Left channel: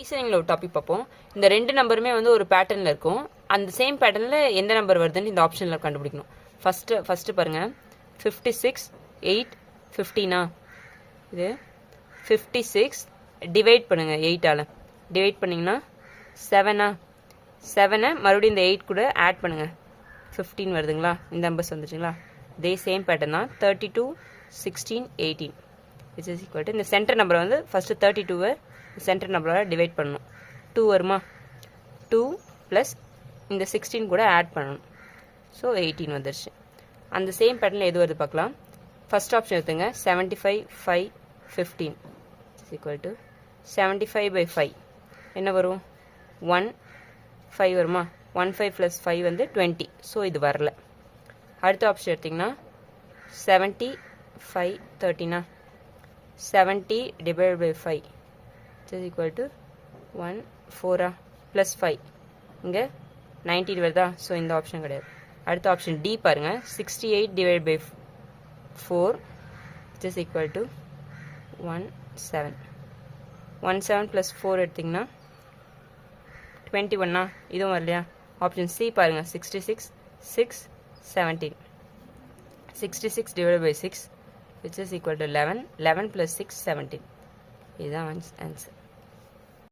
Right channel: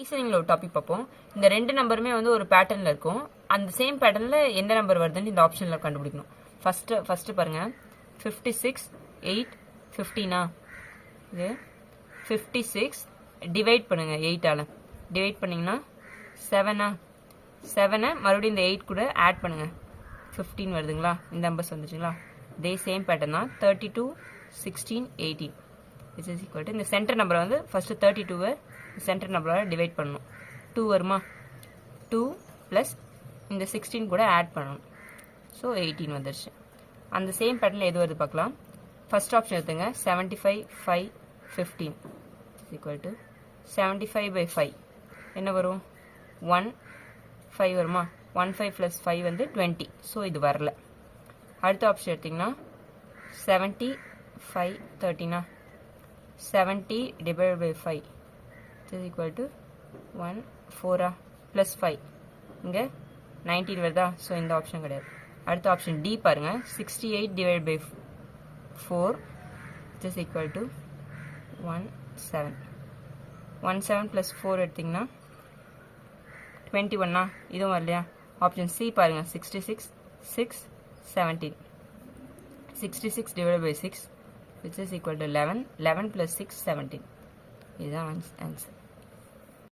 ரீசனிங்ல ஒரு டாபிக் பார்ப்போம். இந்த ரெண்டு நம்பருமே வந்து ஒரு பேட்டர்ன்ல இருக்கும். அந்த சேம் பேட்டர்ன்ல எந்த நம்பர் வருதுன்னு இந்த ஆப்ஷன்ல கண்டுபிடிக்கணும். ஃபர்ஸ்ட் பாருங்க, 56 8 15 இது 56 டிவைட் பண்ணுங்க 8ஆல. டிவைட் பண்ணீங்கன்னா 7 மறுபடியும் இந்த 8 கூட ஆட் பண்ணுங்க, 15 வருதுங்களா? இந்த நம்பர்ஸ் வந்துச்சுங்களா? இதே சேம் பேட்டர்ன் தான். 32 16 18 which is equal to இந்த சென்டர் நம்பரை வந்து ஃபர்ஸ்ட் 32 சென்டர் நம்பரோட டிவைட் பண்ணணும். 2 வருமா? 2 ப்ளஸ் இந்த 16 கூட ஆட் பண்ணணும். ஸோ 18 வந்துருச்சு. அந்த சேம் பேட்டர்னில் எது வருது பார்க்கலாம். ஃபர்ஸ்ட் ஆப்ஷன் எடுத்துங்க, 75 5 15 இஸ் ஈக்குவல் டு 75/5 என்ன வரும்? 1 5 வருமா? 1 5 ப்ளஸ் 5 வந்து 20. ஸோ இது வரல. அடுத்த ஆப்ஷன் எடுத்திங்கன்னா 70 5 13 70 divided by 5 is equal to 1 4 plus 5 இங்கே 19 வருதா? ஸோ இந்த ஆப்ஷன் கிடையாது. அடுத்த ஆப்ஷன் டி பாருங்க, 68 divided by 4 is equal to 1 7 1 7 plus 4 எடுத்திங்கன்னா 21 இதுவும் வரலையா? ஆப்ஷன் சி பாருங்க, 66 6 17 66 divided by 6 which is equal to 11 11 plus 6 17 இதுதான் ஆன்சர்.